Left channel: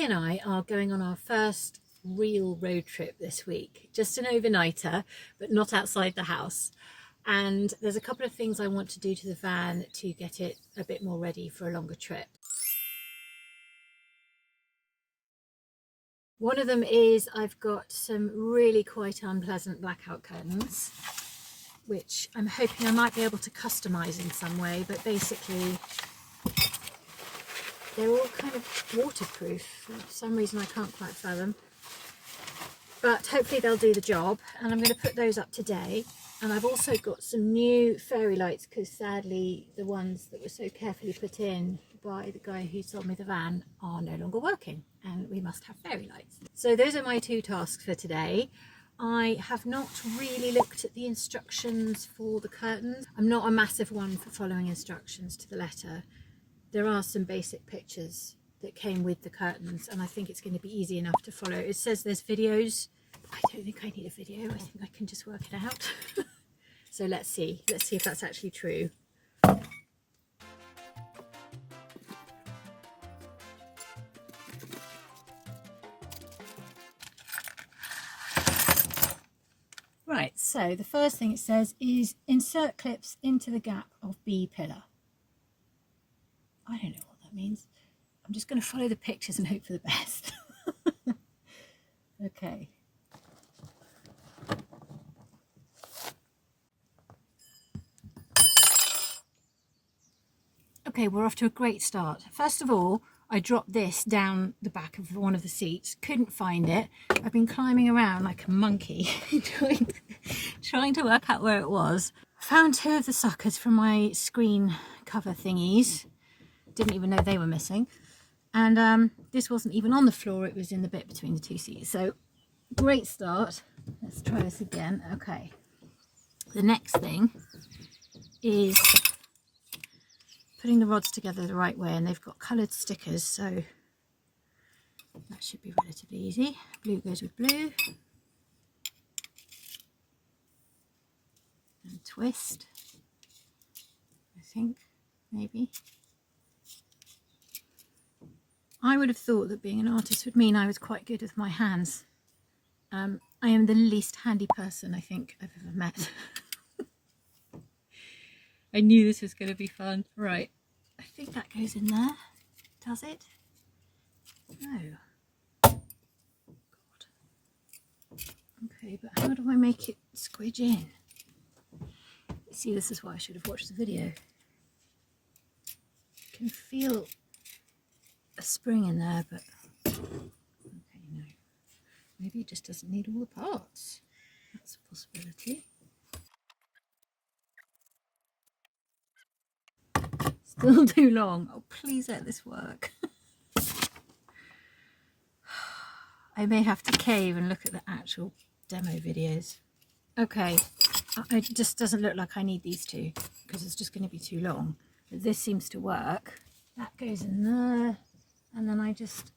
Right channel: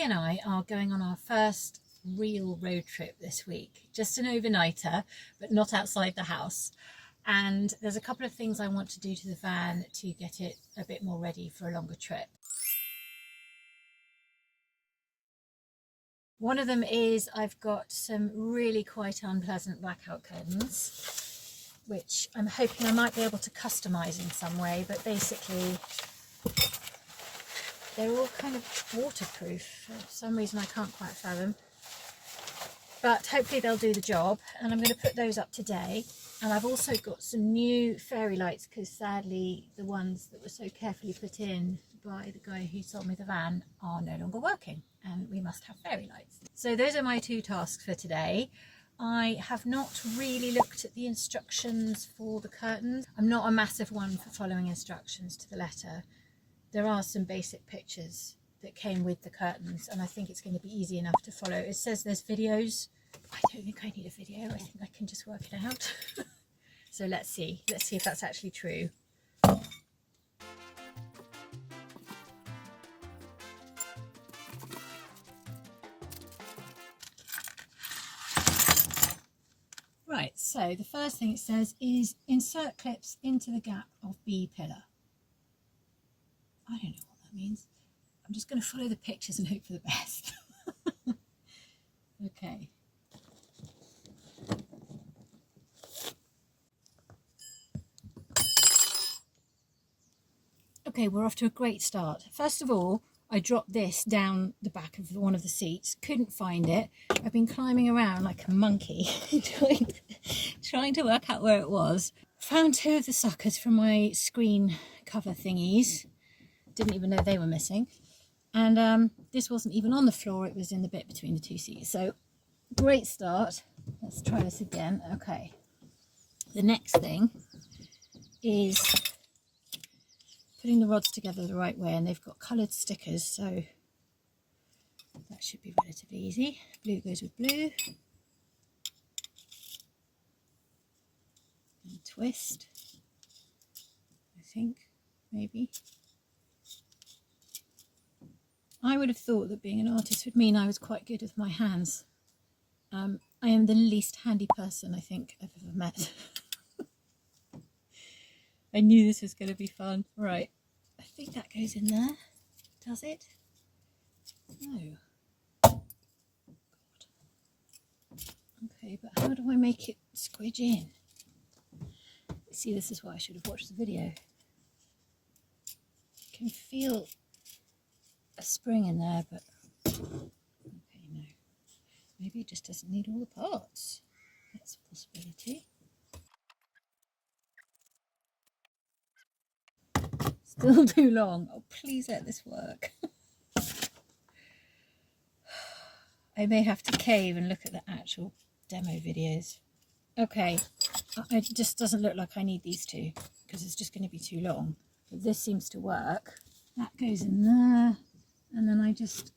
Sophie and I are going on our first real road trip this week, just an overnighter, but not outside the house. And there's a couple of things I want to do to the van to get it a bit more ready for a longer trip. One of them is I've got some really quite unpleasant blackout curtains, which I'm hoping I might be able to customize in some way, but basically they're all kind of waterproof. For some reason I can't quite fathom, but hopefully they'll do the job, and I'm going to put those up today. And I've also got some new fairy lights, because sadly the ones that were so carefully put in by the guy who sold me the van are no longer working, and we must have fairy lights. So those are my two tasks for today. I have not really looked at the instructions for the curtains. I'm not a massive one for following instructions to the letter. There are some basic pictures that came with the curtains, and I think it's going to be easy enough to follow. It says there's videos. I don't think I need a video. I think I can just work it out. So let's see if that's actually true. Right, so the first thing it says is insert clips into the gap of B pillar. I don't know what that means. I'm just going to follow the pictures and hope for the best. Okay. Okay, we're off to a great start. First of all, I dropped this down the back of one of the seats, couldn't find it. I've been climbing around like a monkey trying to work out where it was. Found two of the suckers from my screen cover thingies. Didn't even know they were missing. And this wasn't even on the floor, it was in the bit between the two seats. So great start. Let's try this again. Okay. The next thing is putting the rods together the right way, and they've got coloured stickers, so that should be relatively easy. Blue goes with blue. And twist, I think, maybe. I would have thought that being an artist would mean I was quite good with my hands. I am the least handy person I think I've ever met. I knew this was going to be fun. Right, I think that goes in there. Does it? No. God. Okay, but how do I make it squidge in? See, this is why I should have watched the video. You can feel a spring in there, but okay, no. Maybe it just doesn't need all the parts. That's a possibility. Still too long. Oh, please let this work. I may have to cave and look at the actual demo videos. Okay, it just doesn't look like I need these two, because it's just going to be too long. But this seems to work. That goes in there, and then I just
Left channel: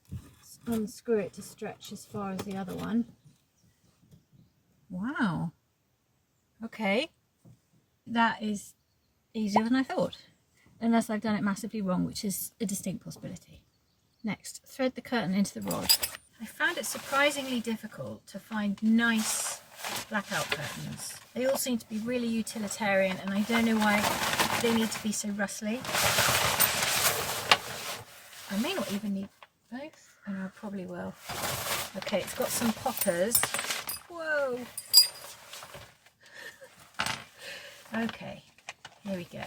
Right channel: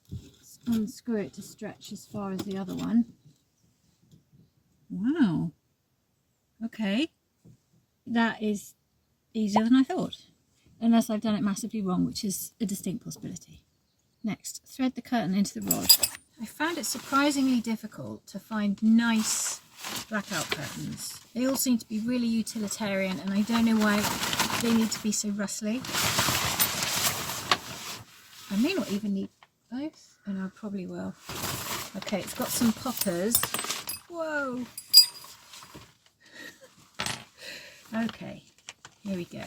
unscrew it to stretch as far as the other one. Wow. Okay, that is easier than I thought. Unless I've done it massively wrong, which is a distinct possibility. Next, thread the curtain into the rod. I found it surprisingly difficult to find nice blackout curtains. They all seem to be really utilitarian, and I don't know why they need to be so rustly. I may not even need both. Oh no, I probably will. Okay, it's got some poppers. Whoa! Okay, here we go.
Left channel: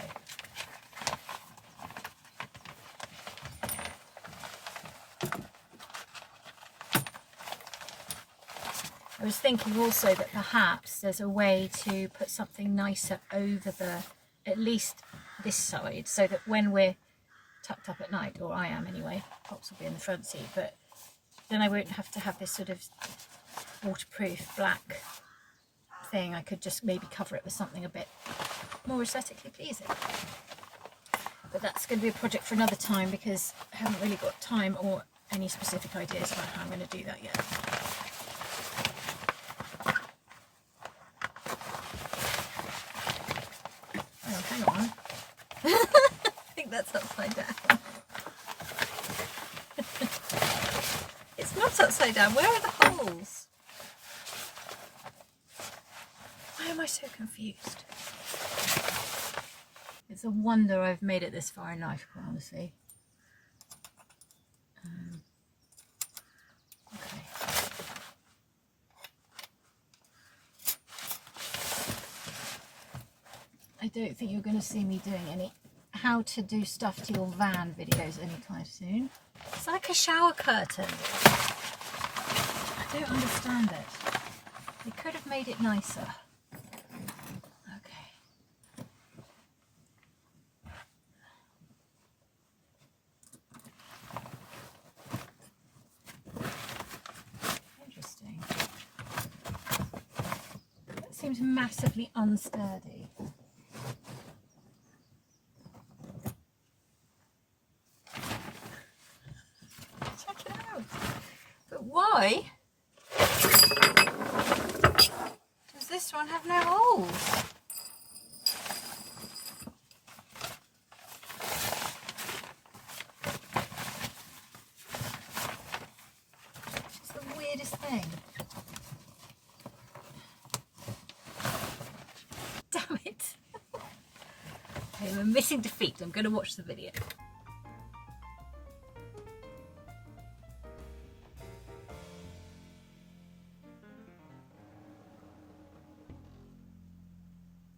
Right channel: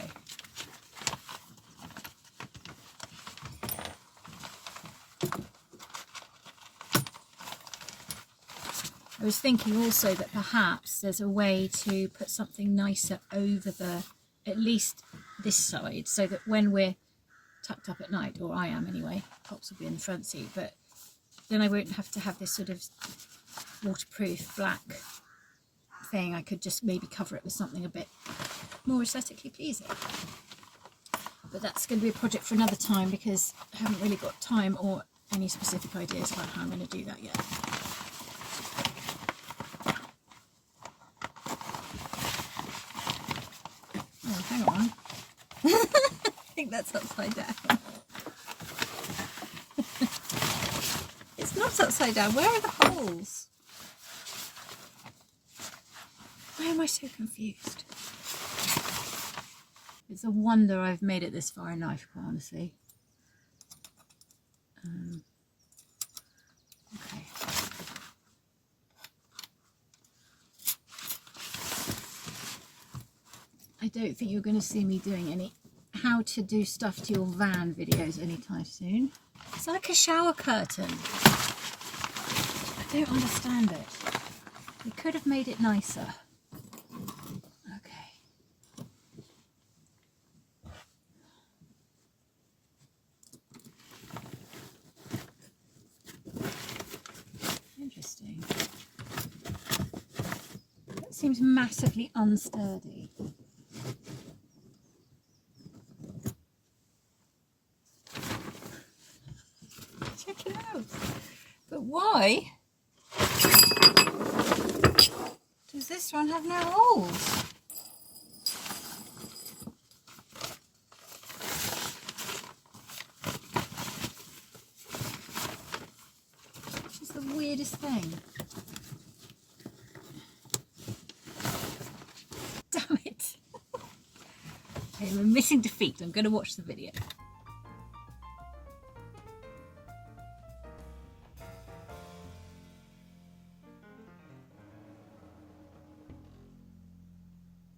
I was thinking also that perhaps there's a way to put something nicer over at least this side, so that when we're tucked up at night, or I am anyway, Pops will be in the front seat, but then I won't have to have this sort of waterproof black thing. I could just maybe cover it with something a bit more aesthetically pleasing. But that's going to be a project for another time, because I haven't really got time or any specific ideas about how I'm going to do that yet. Oh, hang on. I think that's upside down. That's upside down. Where are the holes? Why am I so confused? It's a wonder I've made it this far in life, quite honestly. Okay. I don't think you're going to see me doing any how to do stuff to your van videos anytime soon. It's like a shower curtain. I don't understand it. We could have made it nicer. Okay. Interesting. That seems massively unsturdy. Check it out. But why does this one have no holes? Which is the weirdest thing. Damn it. Okay, I'm admitting defeat. I'm going to watch the video.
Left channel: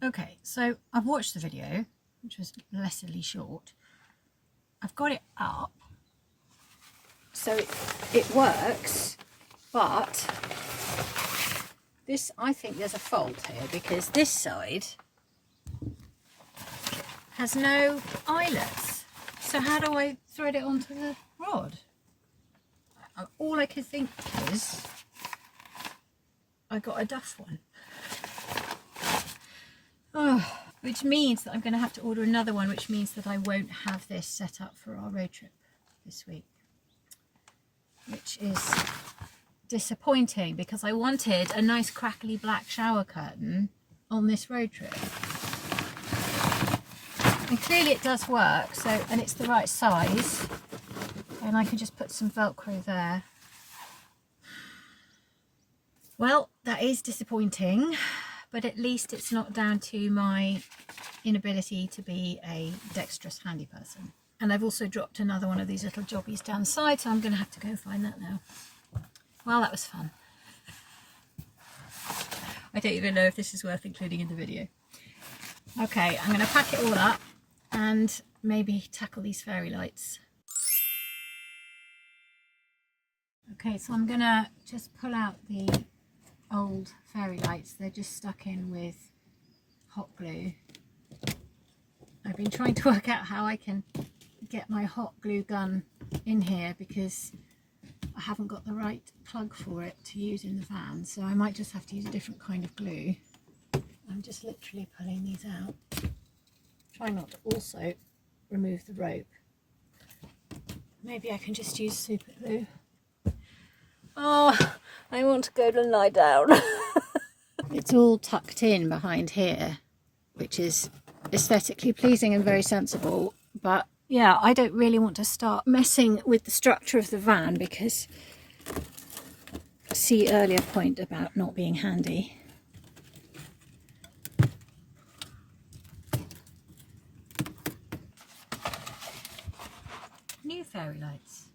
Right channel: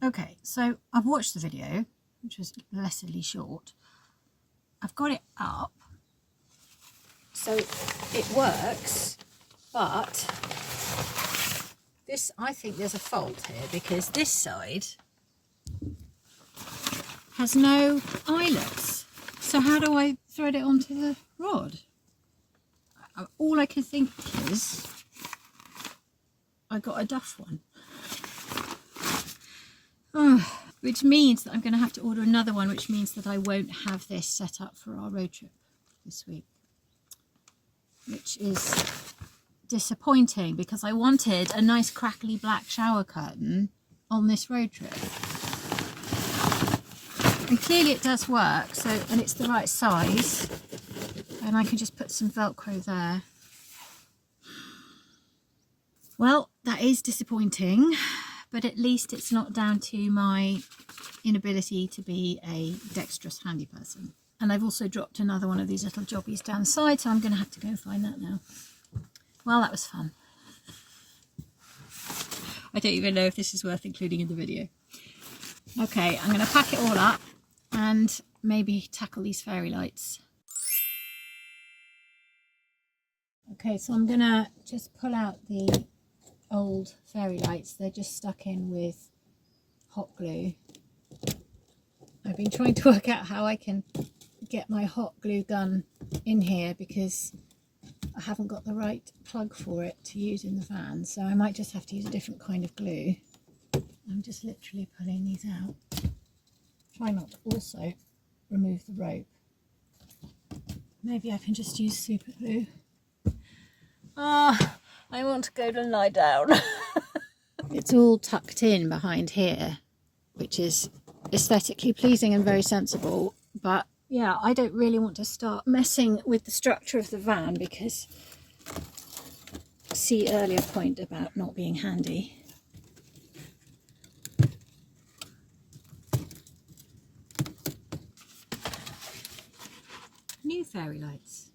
Okay, so I've watched the video, which was blessedly short. I've got it up, so it works, but this, I think there's a fault here because this side has no eyelets. So how do I thread it onto the rod? All I can think is I got a duff one. Oh, which means that I'm going to have to order another one, which means that I won't have this set up for our road trip this week, which is disappointing because I wanted a nice crackly black shower curtain on this road trip. And clearly it does work, so, and it's the right size, and I can just put some Velcro there. Well, that is disappointing. But at least it's not down to my inability to be a dexterous handy person. And I've also dropped another one of these little jobbies down the side, so I'm going to have to go and find that now. Well, that was fun. I don't even know if this is worth including in the video. Okay, I'm going to pack it all up and maybe tackle these fairy lights. Okay, so I'm going to just pull out the old fairy lights. They're just stuck in with hot glue. I've been trying to work out how I can get my hot glue gun in here because I haven't got the right plug for it to use in the van, so I might just have to use a different kind of glue. I'm just literally pulling these out. Try not to also remove the rope. Maybe I can just use super glue. Oh, I want to go and lie down. It's all tucked in behind here, which is aesthetically pleasing and very sensible. But yeah, I don't really want to start messing with the structure of the van because see earlier point about not being handy. New fairy lights.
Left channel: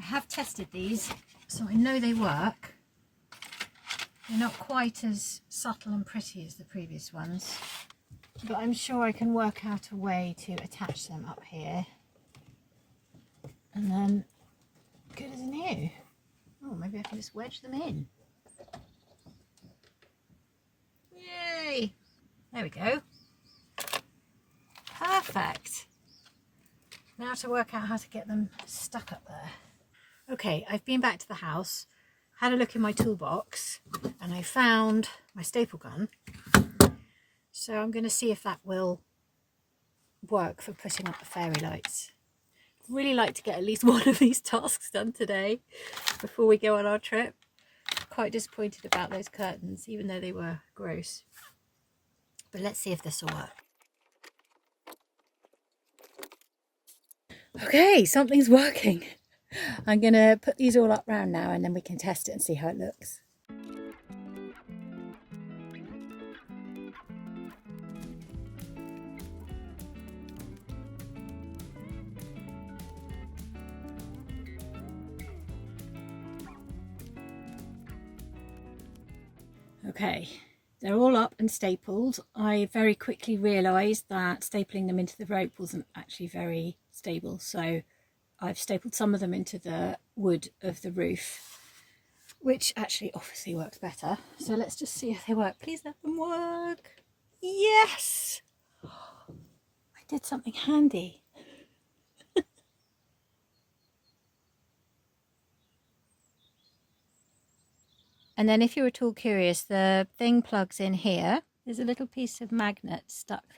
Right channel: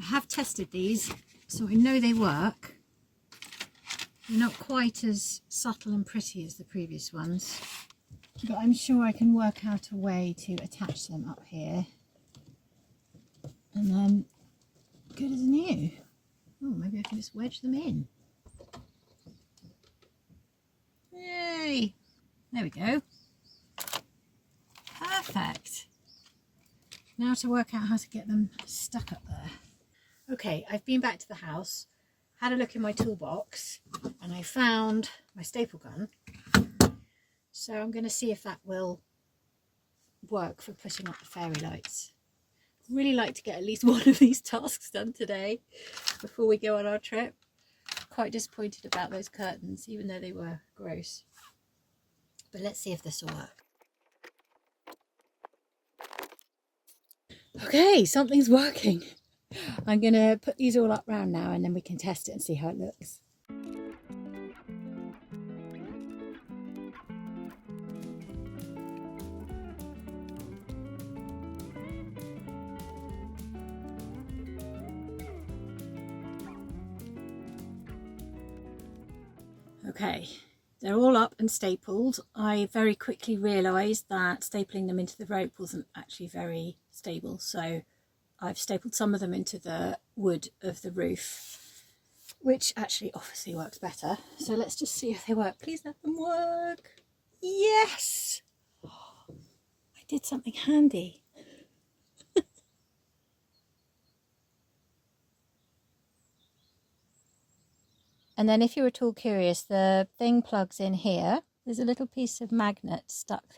I have tested these, so I know they work. They're not quite as subtle and pretty as the previous ones, but I'm sure I can work out a way to attach them up here and then good as new. Oh, maybe I can just wedge them in. Yay! There we go. Perfect. Now to work out how to get them stuck up there. Okay, I've been back to the house, had a look in my toolbox, and I found my staple gun. So I'm going to see if that will work for putting up the fairy lights. I'd really like to get at least one of these tasks done today before we go on our trip. Quite disappointed about those curtains, even though they were gross. But let's see if this will work. Okay, something's working. I'm going to put these all up round now and then we can test it and see how it looks. Okay, they're all up and stapled. I very quickly realised that stapling them into the rope wasn't actually very stable, so I've stapled some of them into the wood of the roof, which actually obviously works better. So let's just see if they work. Please let them work. Yes! I did something handy. And then if you're at all curious, the thing plugs in here. There's a little piece of magnet stuck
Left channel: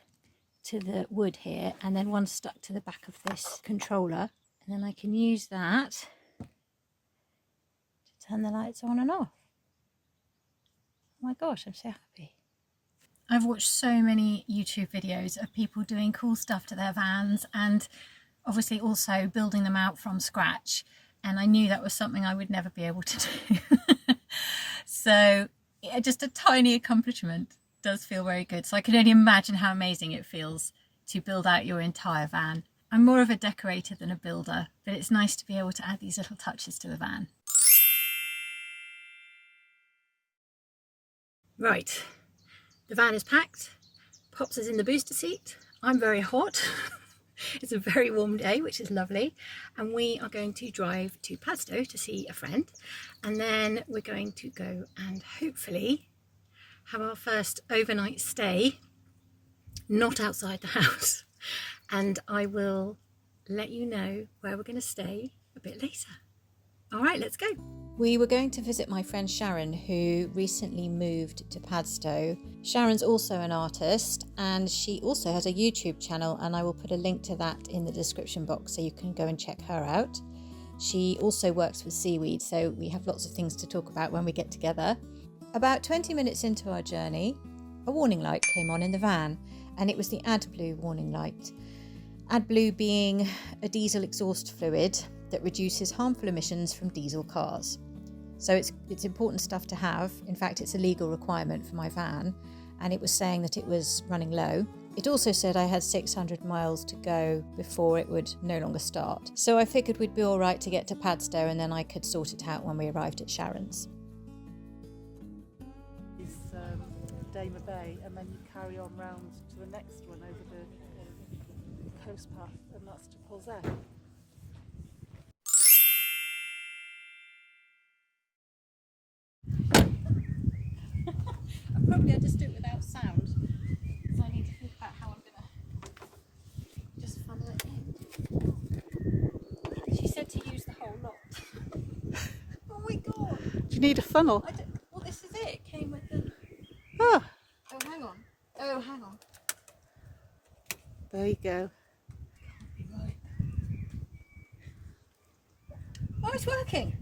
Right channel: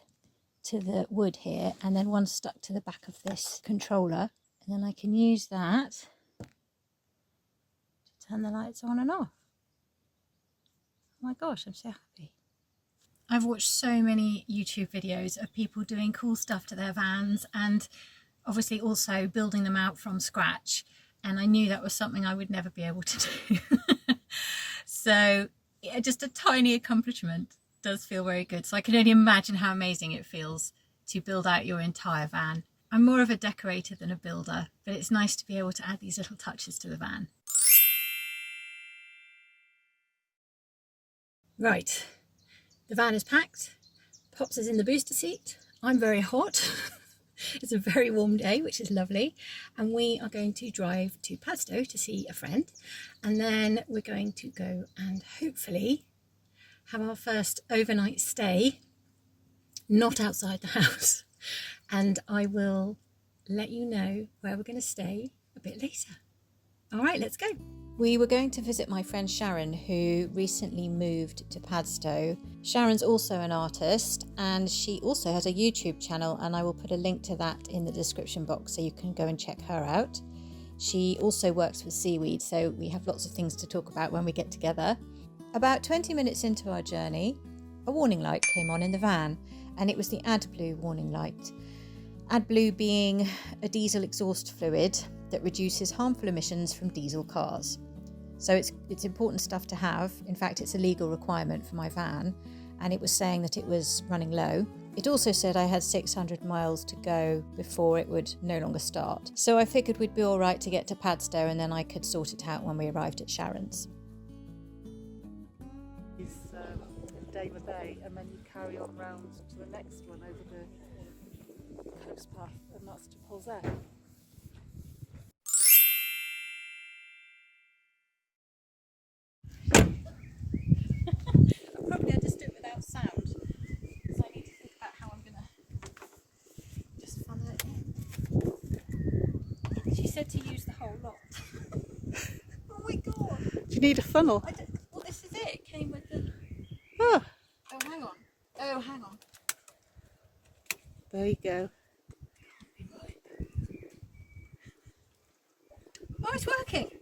to the wood here, and then one stuck to the back of this controller. And then I can use that to turn the lights on and off. Oh my gosh, I'm so happy. I've watched so many YouTube videos of people doing cool stuff to their vans and obviously also building them out from scratch. And I knew that was something I would never be able to do. So yeah, just a tiny accomplishment does feel very good. So I can only imagine how amazing it feels to build out your entire van. I'm more of a decorator than a builder, but it's nice to be able to add these little touches to the van. Right, the van is packed. Pops is in the booster seat. I'm very hot. It's a very warm day, which is lovely, and we are going to drive to Padstow to see a friend, and then we're going to go and hopefully have our first overnight stay, not outside the house, and I will let you know where we're going to stay a bit later. All right, let's go. We were going to visit my friend Sharon, who recently moved to Padstow. Sharon's also an artist and she also has a YouTube channel, and I will put a link to that in the description box so you can go and check her out. She also works with seaweed, so we have lots of things to talk about when we get together. About 20 minutes into our journey, a warning light came on in the van, and it was the AdBlue warning light. AdBlue being a diesel exhaust fluid that reduces harmful emissions from diesel cars. So it's important stuff to have. In fact, it's a legal requirement for my van, and it was saying that it was running low. It also said I had 600 miles to go before it would no longer start. So I figured we'd be all right to get to Padstow, and then I could sort it out when we arrived at Sharon's. It's Dana Bay, and then you carry on round to the next one over the coast path, and that's to Polzette. Probably I'll just do it without sound, because I need to think about how I'm going to just funnel it in. She said to use the whole lot. Oh my god! Do you need a funnel? Well, this is it. It came with the... Oh, hang on. Oh, hang on. there you go. Oh, it's working!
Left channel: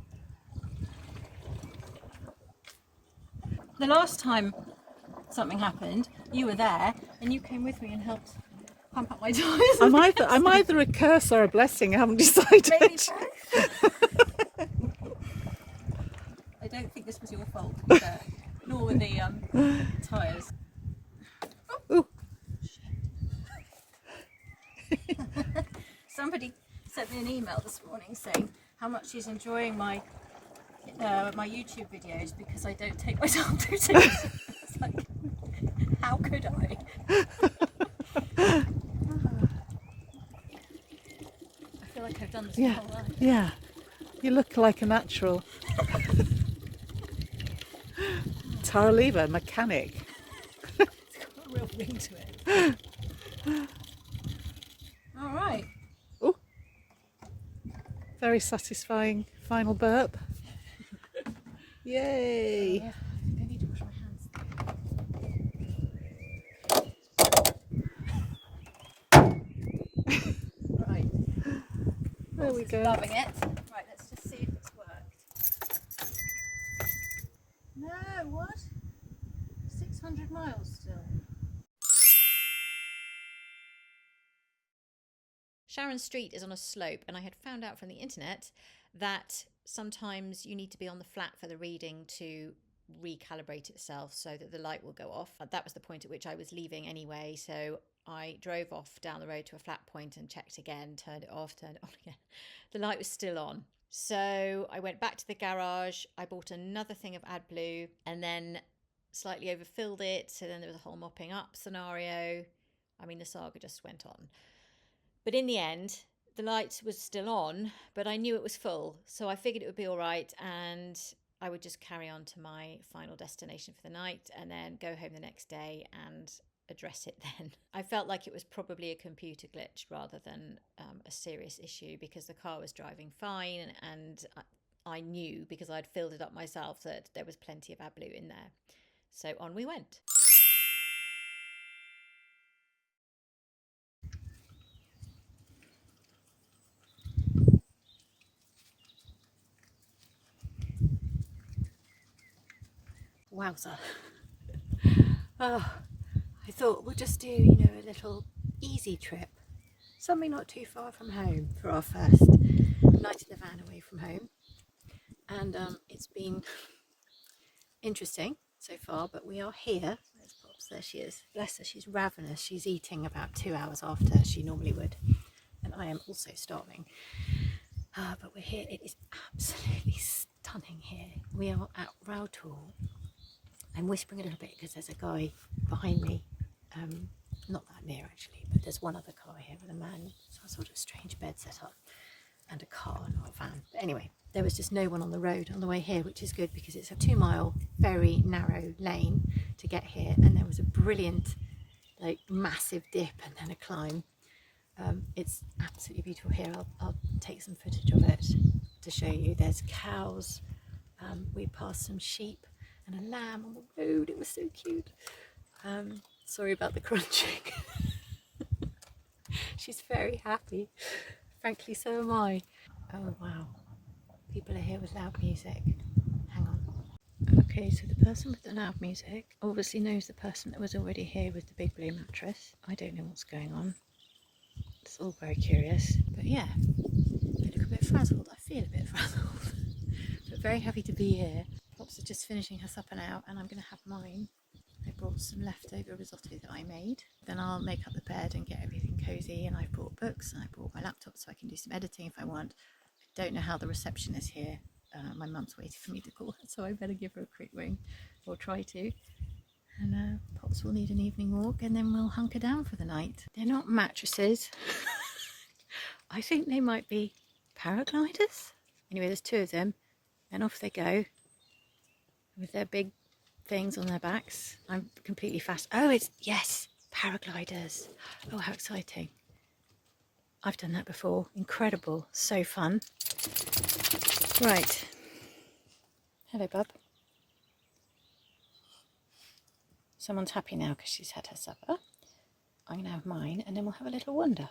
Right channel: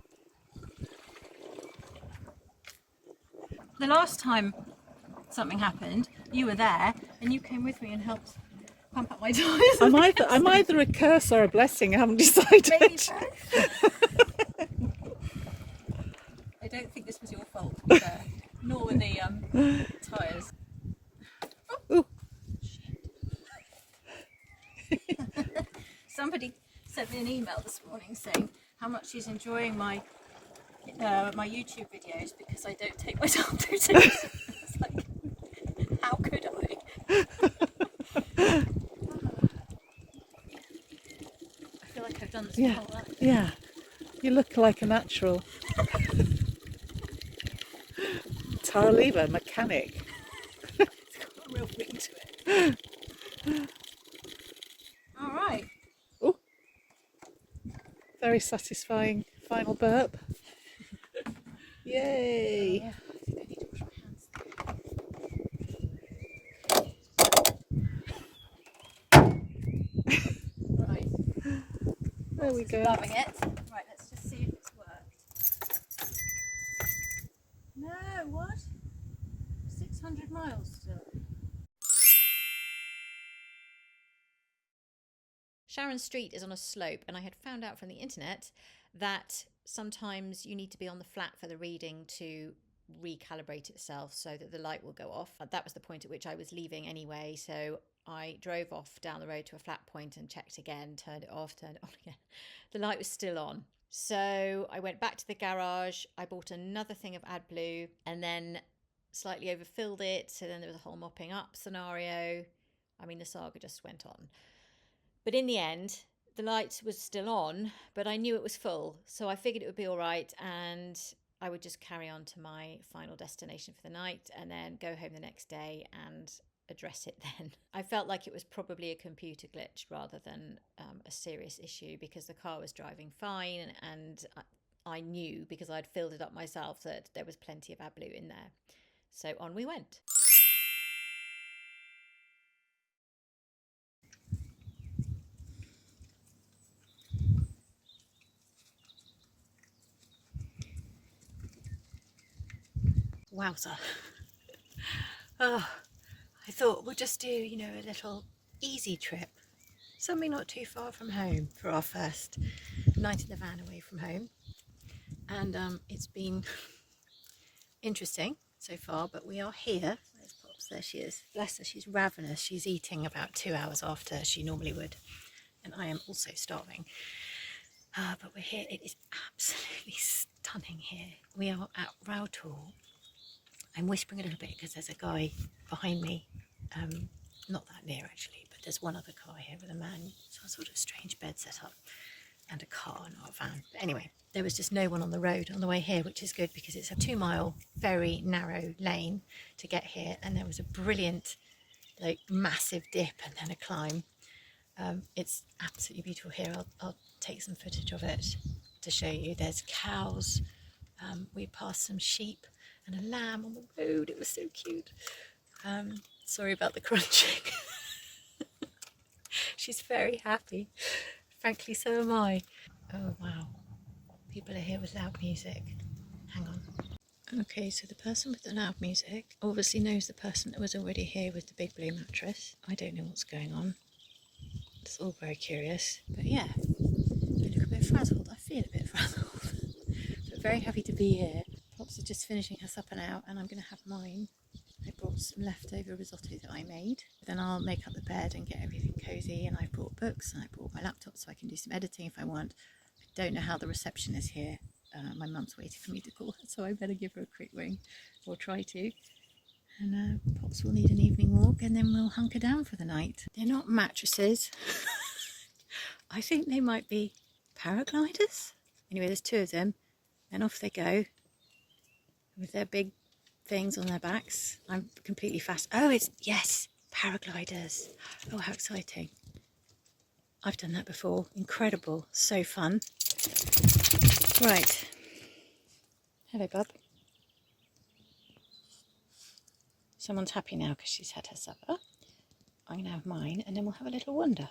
The last time something happened, you were there and you came with me and helped pump up my tyres. I'm either a curse or a blessing, I haven't decided. I don't think this was your fault, to be fair. Nor were the tyres. Oh. Somebody sent me an email this morning saying how much she's enjoying my YouTube videos because I don't take myself too seriously. It's like, how could I? I feel like I've done this my whole life. Yeah, you look like a natural. Tara Lever, mechanic. It's got a real ring to it. All right. Oh, very satisfying final burp. Yay! Oh, yeah. I need to wash my hands. Right. There we go. Loving it. Right, let's just see if it's worked. No, what? 600 miles still. Sharon Street is on a slope, and I had found out from the internet that sometimes you need to be on the flat for the reading to recalibrate itself so that the light will go off. That was the point at which I was leaving anyway, so I drove off down the road to a flat point and checked again, turned it off, turned it on again. The light was still on. So I went back to the garage, I bought another thing of AdBlue and then slightly overfilled it, so then there was a whole mopping up scenario. I mean, the saga just went on. But in the end, the light was still on, but I knew it was full, so I figured it would be all right, and I would just carry on to my final destination for the night and then go home the next day and address it then. I felt like it was probably a computer glitch rather than a serious issue, because the car was driving fine, and I knew, because I'd filled it up myself, that there was plenty of AdBlue in there. So on we went. Wowza. Oh, I thought we'll just do, a little easy trip. Something not too far from home for our first night in the van away from home. And it's been interesting so far, but we are here. There's Pops, there she is. Bless her, she's ravenous. She's eating about 2 hours after she normally would. And I am also starving. But we're here. It is absolutely stunning here. We are at Roughton. I'm whispering a little bit because there's a guy behind me, not that near actually, but there's one other car here with a man, some sort of strange bed set up, and a car, not a van. But anyway, there was just no one on the road on the way here, which is good because it's a 2-mile, very narrow lane to get here, and there was a brilliant, massive dip and then a climb. It's absolutely beautiful here. I'll take some footage of it to show you. There's cows. We passed some sheep and a lamb on the road. It was so cute. Sorry about the crunching. She's very happy. Frankly, so am I. Oh wow. People are here with loud music. Hang on. Okay, so the person with the loud music obviously knows the person that was already here with the big blue mattress. I don't know what's going on. It's all very curious. But yeah, I look a bit frazzled. I feel a bit frazzled. But very happy to be here. Pops is just finishing her supper now, and I'm going to have mine. I brought some leftover risotto that I made. Then I'll make up the bed and get everything cosy, and I've brought books and I brought my laptop so I can do some editing if I want. I don't know how the reception is here. My mum's waiting for me to call her, so I better give her a quick ring, or try to. And Pops will need an evening walk, and then we'll hunker down for the night. They're not mattresses. I think they might be paragliders. Anyway, there's 2 of them, and off they go with their big things on their backs. I'm completely fast. Oh, yes, paragliders. Oh, how exciting. I've done that before. Incredible. So fun. Right. Hello, bub. Someone's happy now because she's had her supper. I'm going to have mine, and then we'll have a little wander.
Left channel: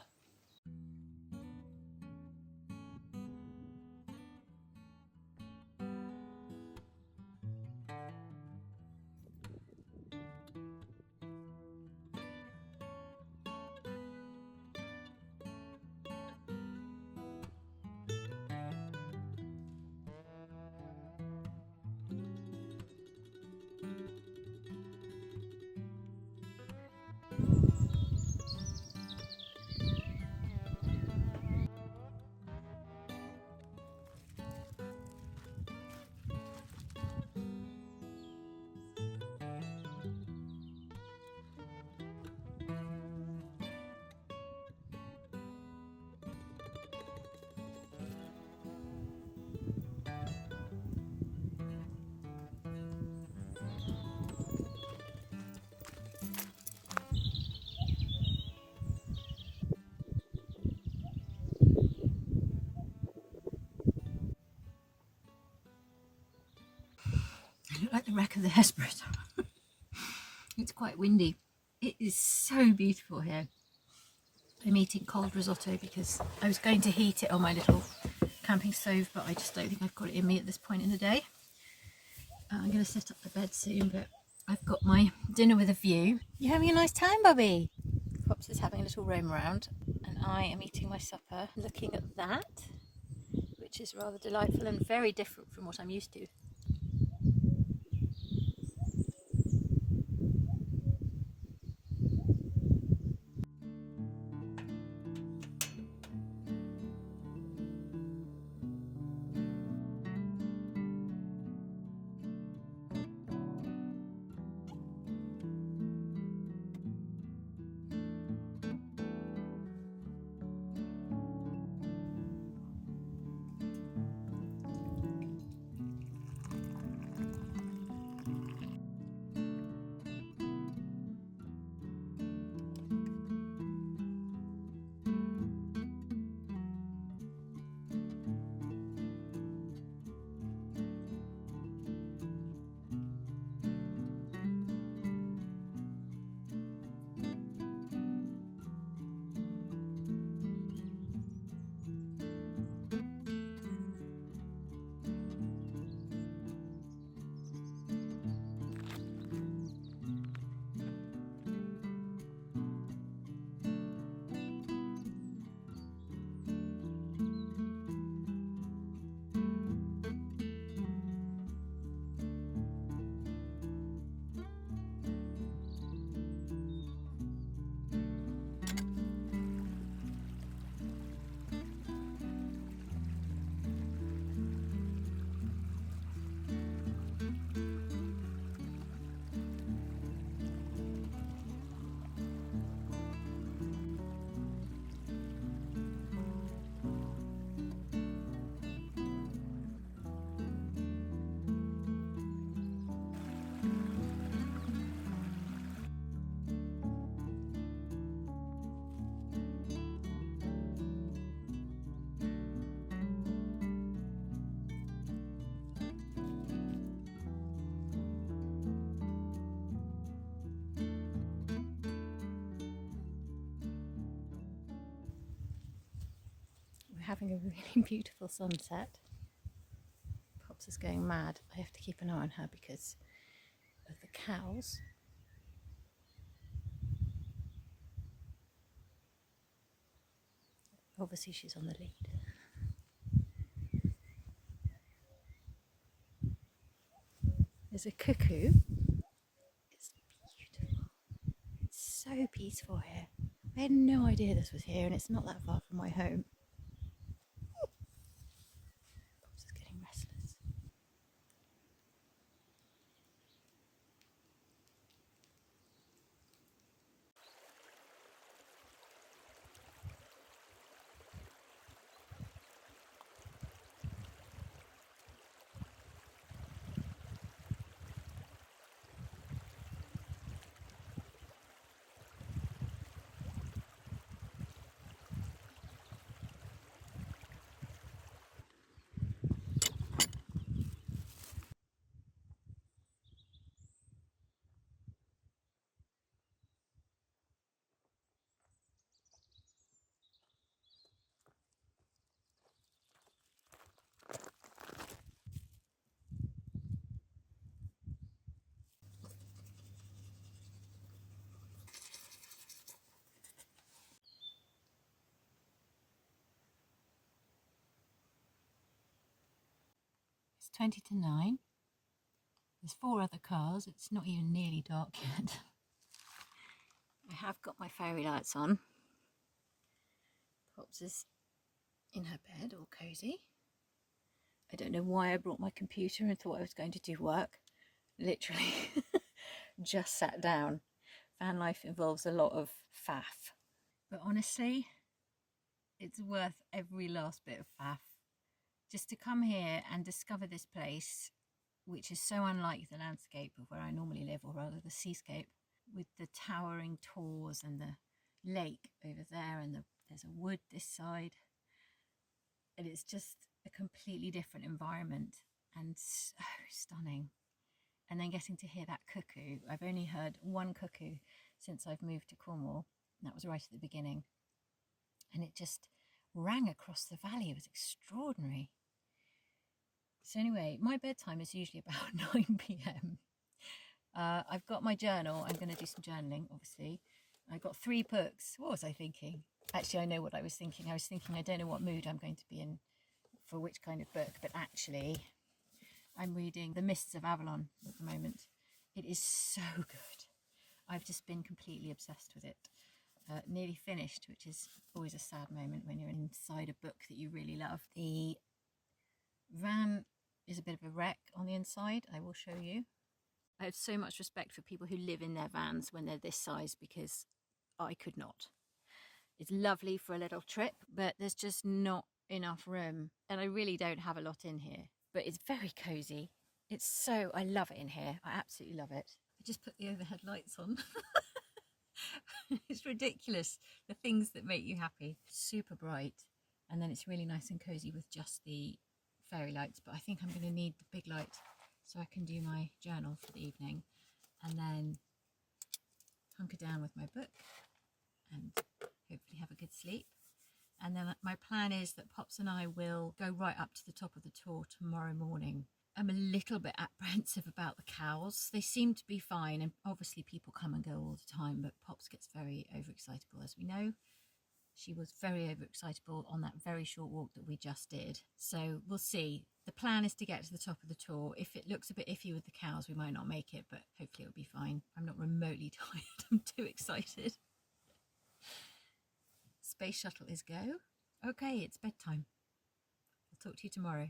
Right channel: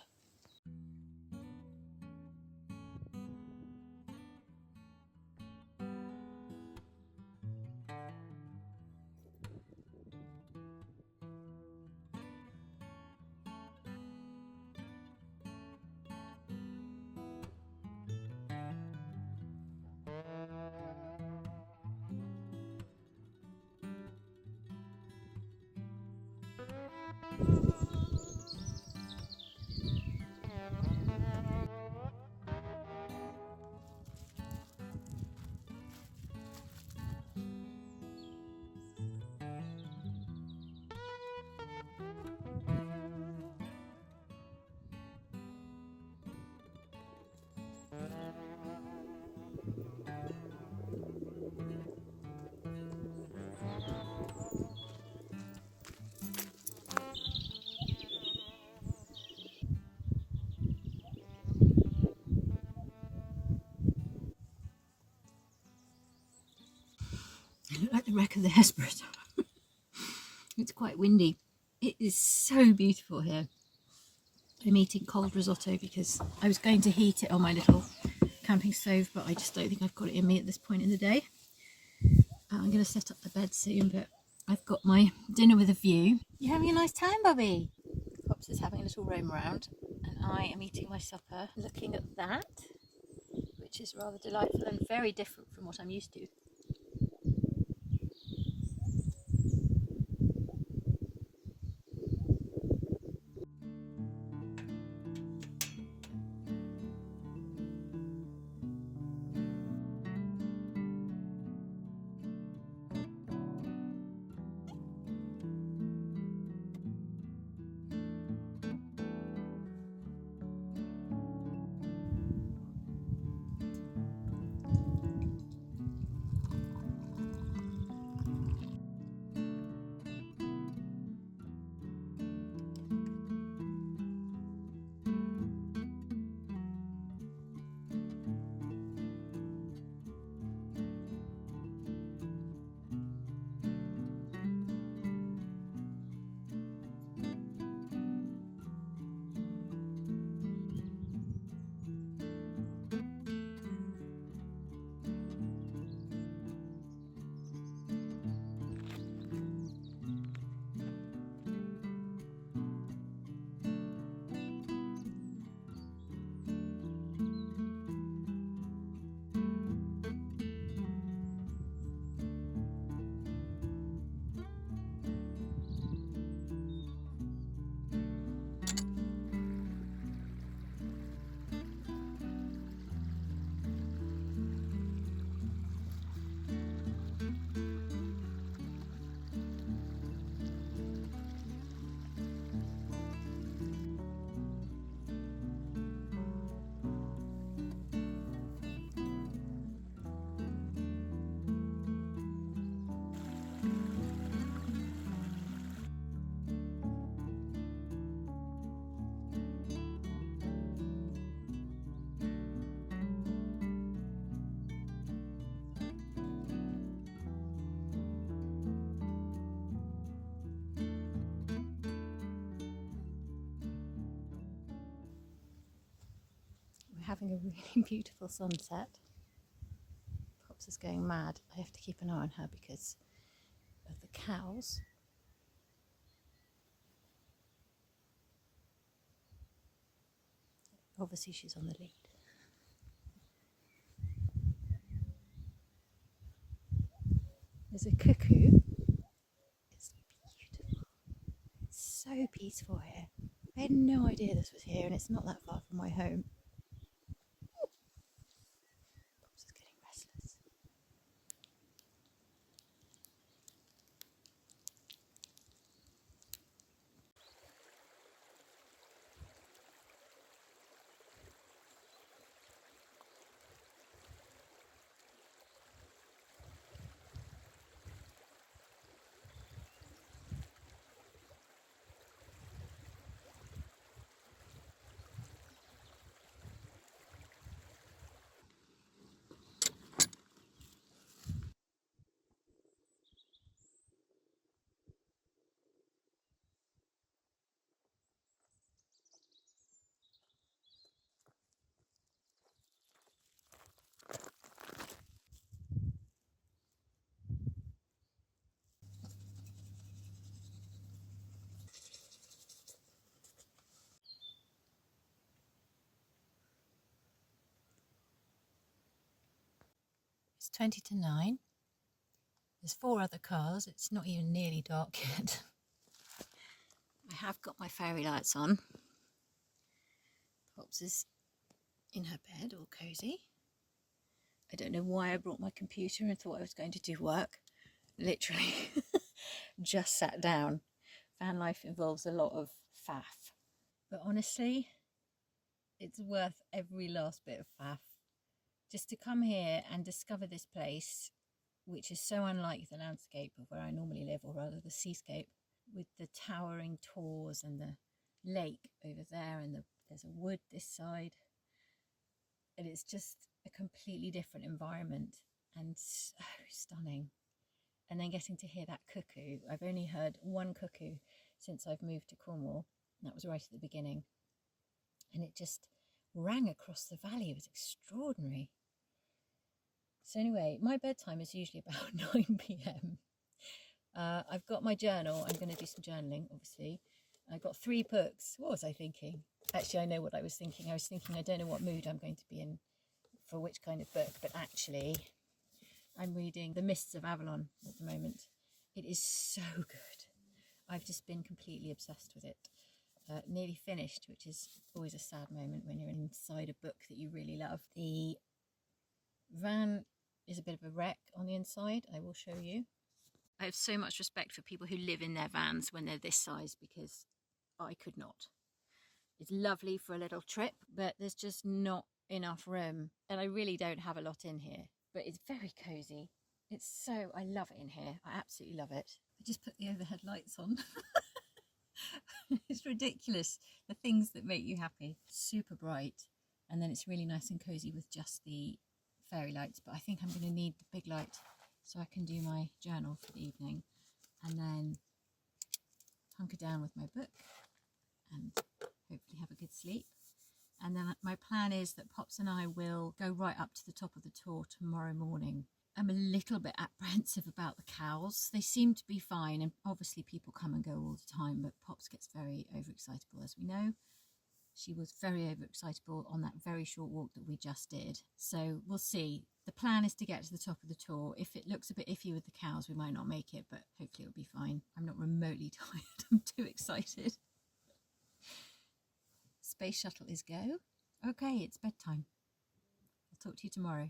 I look like the wreck of the Hesperus. It's quite windy. It is so beautiful here. I'm eating cold risotto because I was going to heat it on my little camping stove, but I just don't think I've got it in me at this point in the day. I'm going to set up the bed soon, but I've got my dinner with a view. You having a nice time, Bobby? Pops is having a little roam around, and I am eating my supper looking at that, which is rather delightful and very different from what I'm used to. Having a really beautiful sunset. Pops is going mad. I have to keep an eye on her because of the cows. Obviously she's on the lead. There's a cuckoo. It's beautiful. It's so peaceful here. I had no idea this was here, and it's not that far from my home. Pops is getting restless. It's 20 to 9. There's 4 other cars. It's not even nearly dark yet. I have got my fairy lights on. Pops is in her bed, all cosy. I don't know why I brought my computer and thought I was going to do work. Literally just sat down. Van life involves a lot of faff. But honestly, it's worth every last bit of faff. Just to come here and discover this place, which is so unlike the landscape of where I normally live, or rather the seascape, with the towering tors and the lake over there, and there's a wood this side. And it's just a completely different environment and so stunning. And then getting to hear that cuckoo. I've only heard one cuckoo since I've moved to Cornwall. And that was right at the beginning. And it just rang across the valley. It was extraordinary. So anyway, my bedtime is usually about 9 p.m. I've got my journal. I'm going to do some journaling, obviously. I've got 3 books. What was I thinking? Actually, I know what I was thinking. I was thinking I don't know what mood I'm going to be in for which kind of book, but actually I'm reading The Mists of Avalon at the moment. It is so good. I've just been completely obsessed with it. Nearly finished, which is always a sad moment when you're inside a book that you really love. The van is a bit of a wreck on the inside. I will show you. I have so much respect for people who live in their vans when they're this size, because I could not. It's lovely for a little trip, but there's just not enough room. And I really don't have a lot in here, but it's very cozy. I love it in here. I absolutely love it. I just put the overhead lights on. It's ridiculous, the things that make you happy. Super bright, and then it's really nice and cozy with just the fairy lights, but I think I'm going to need the big light so I can do my journal for the evening and then hunker down with my book and hopefully have a good sleep. And then my plan is that Pops and I will go right up to the top of the tour tomorrow morning. I'm a little bit apprehensive about the cows. They seem to be fine, and obviously people come and go all the time, but Pops gets very overexcitable, as we know. She was very overexcitable on that very short walk that we just did. So we'll see. The plan is to get to the top of the tour. If it looks a bit iffy with the cows, we might not make it, but hopefully it'll be fine. I'm not remotely tired. I'm too excited. Space shuttle is go. Okay, it's bedtime. I'll talk to you tomorrow.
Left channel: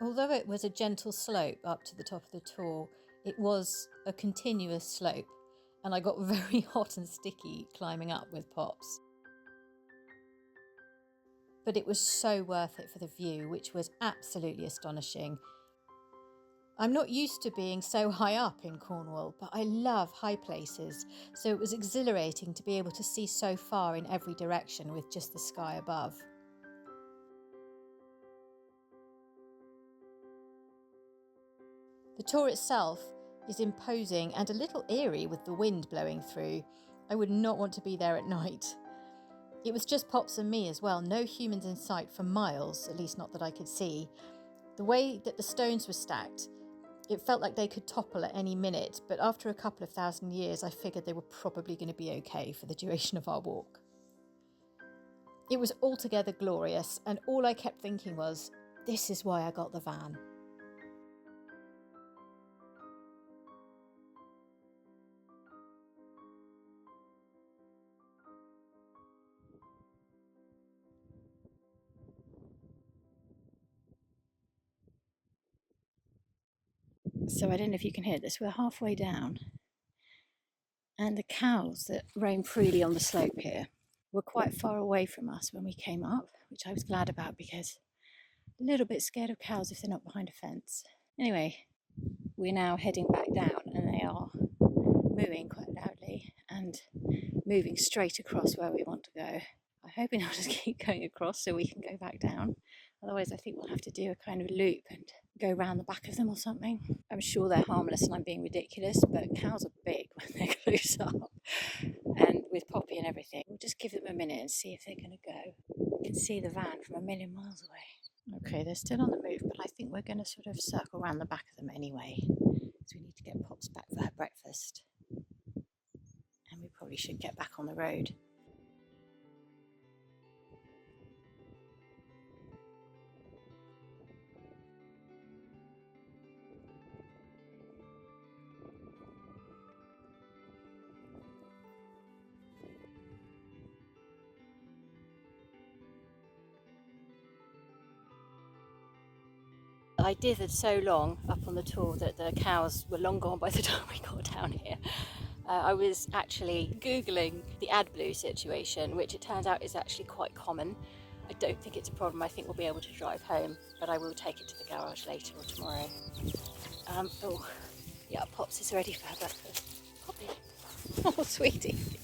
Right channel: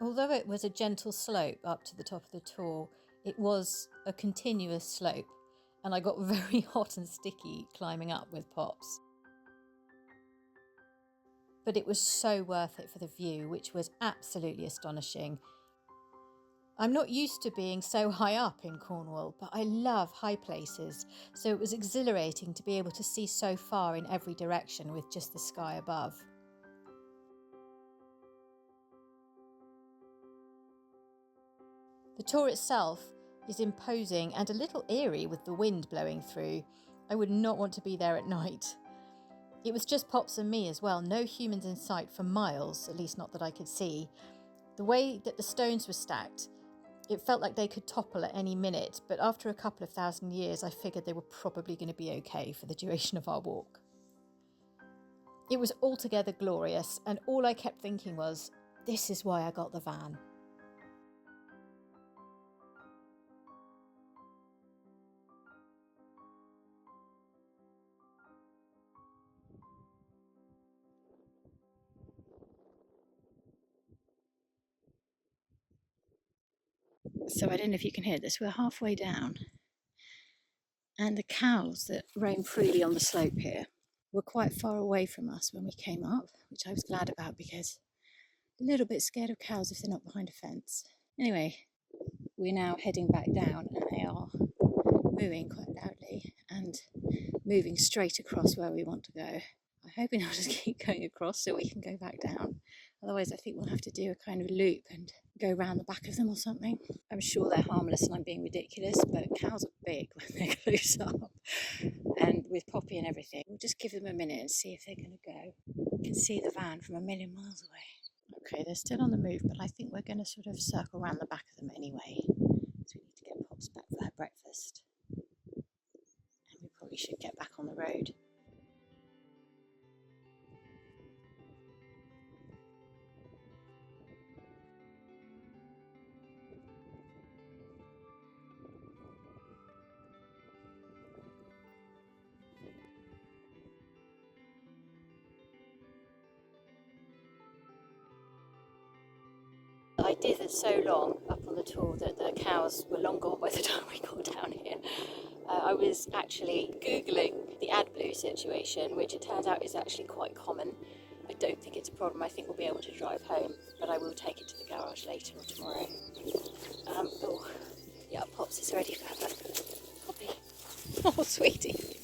Although it was a gentle slope up to the top of the tour, it was a continuous slope, and I got very hot and sticky climbing up with Pops. But it was so worth it for the view, which was absolutely astonishing. I'm not used to being so high up in Cornwall, but I love high places, so it was exhilarating to be able to see so far in every direction with just the sky above. The tour itself is imposing and a little eerie with the wind blowing through. I would not want to be there at night. It was just Pops and me as well, no humans in sight for miles, at least not that I could see. The way that the stones were stacked, it felt like they could topple at any minute, but after a couple of thousand years, I figured they were probably going to be okay for the duration of our walk. It was altogether glorious, and all I kept thinking was, this is why I got the van. So I don't know if you can hear this, we're halfway down, and the cows that roam freely on the slope here were quite far away from us when we came up, which I was glad about because I'm a little bit scared of cows if they're not behind a fence. Anyway, we're now heading back down, and they are mooing quite loudly and moving straight across where we want to go. I'm hoping I'll just keep going across so we can go back down. Otherwise, I think we'll have to do a kind of loop and go round the back of them or something. I'm sure they're harmless and I'm being ridiculous, but cows are big when they're close up. And with Poppy and everything, we'll just give them a minute and see if they're going to go. You can see the van from a million miles away. Okay, they're still on the move, but I think we're going to sort of circle around the back of them anyway. So we need to get Pops back for her breakfast. And we probably should get back on the road. I did it so long up on the tour that the cows were long gone by the time we got down here. I was actually Googling the AdBlue situation, which it turns out is actually quite common. I don't think it's a problem. I think we'll be able to drive home, but I will take it to the garage later or tomorrow. Oh, yeah, Pops is ready for her breakfast. Poppy. Oh, sweetie.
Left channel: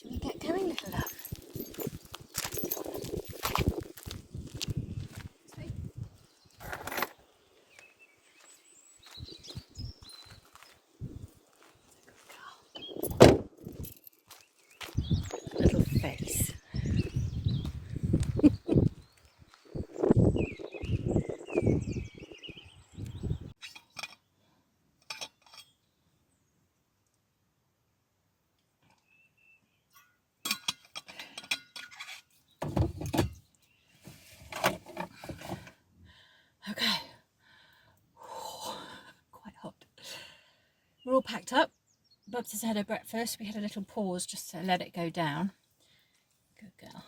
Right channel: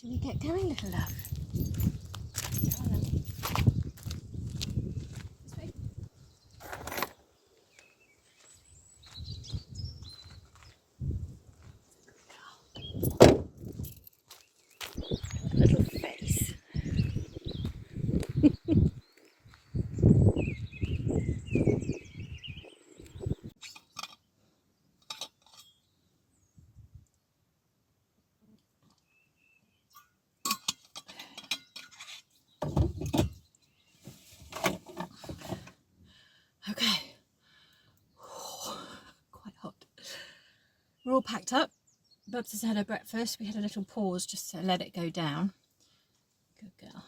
Shall we get going, little love? Little face. all packed up. Bubs has had her breakfast. We had a little pause just to let it go down. Good girl.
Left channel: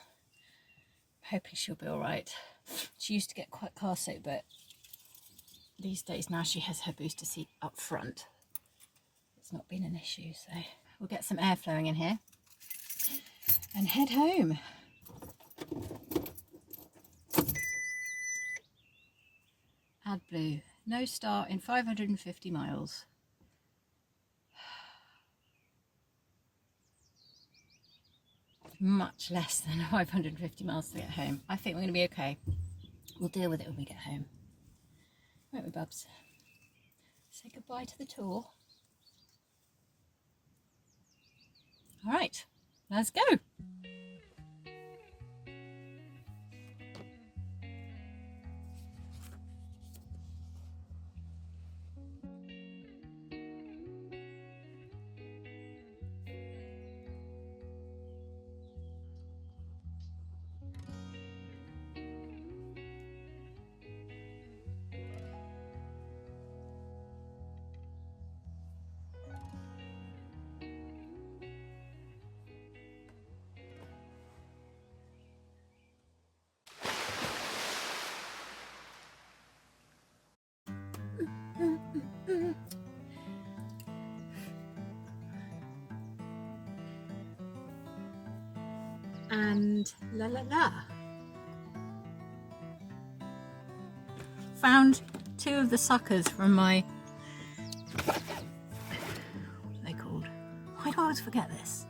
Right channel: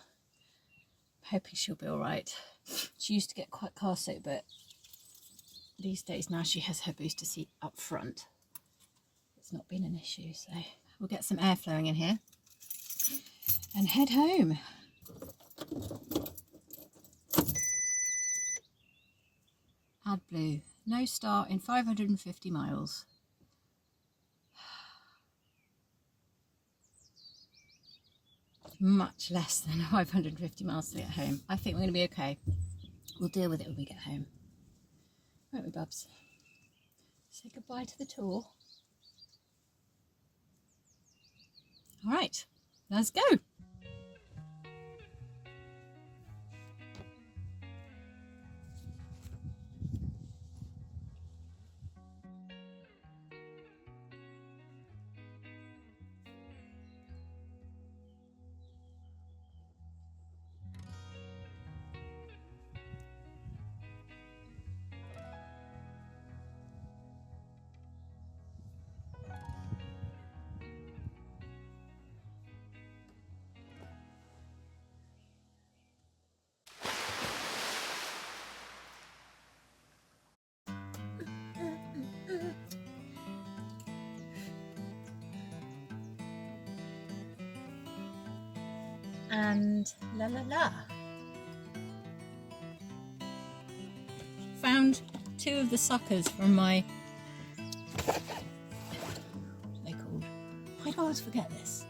Hoping she'll be all right. She used to get quite car sick, but these days now she has her booster seat up front. It's not been an issue, so we'll get some air flowing in here and head home. AdBlue, no start in 550 miles. Much less than 550 miles to get home. I think we're going to be okay. We'll deal with it when we get home. Won't we, Bubs? Say goodbye to the tour. All right, let's go. And la la la. Found two of the suckers from my, what are they called? Why do I always forget this?